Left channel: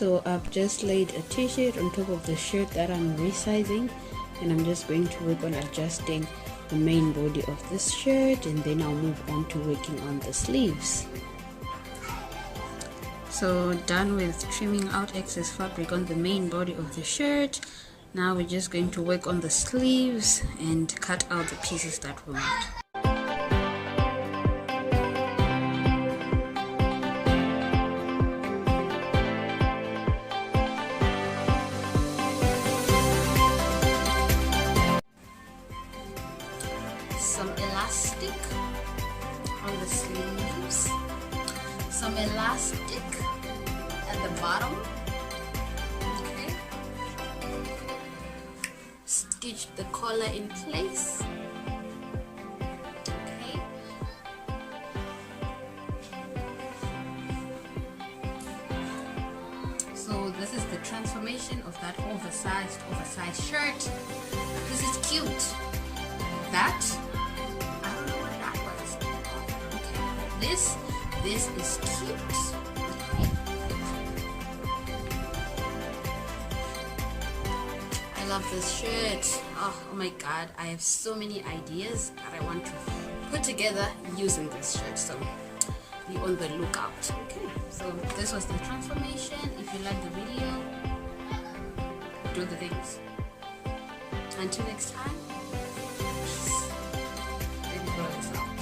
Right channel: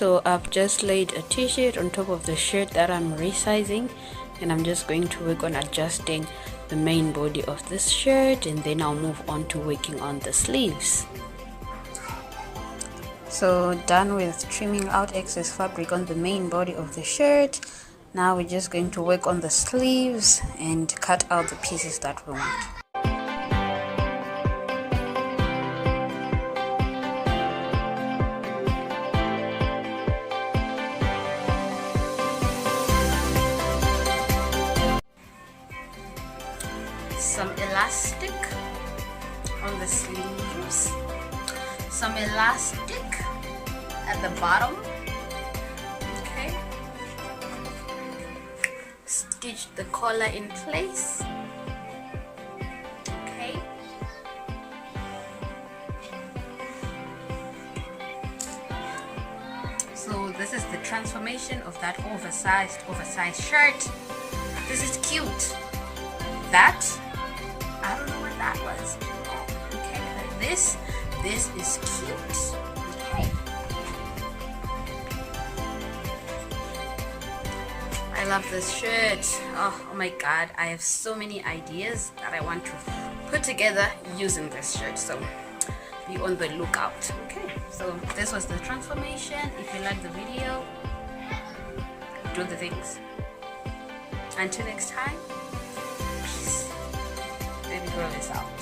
So I've just laid a t-shirt on top of the shirt that I'm resizing, and I'm just going to work on adjusting the main body of this shirt, and then I'll move on to working on the sleeves. So done with trimming out excess fabric on the main body of the shirt. Now we're just going to work on the sleeves and cut out the pieces that we want. Some elastic on the sleeves, some elastic at the bottom. Okay, stitch the collar in place. Okay, so this is the transformation of that oversized shirt. This is cute. That, I don't know what that was. Okay, but this is cute. Okay. I love this shirt. Oh my god, I have so many ideas that I want to put together using this shirt. So be on the lookout. Okay, so this was the transformation. If you like the video, do the things. Until next time, peace. Baby girl is out.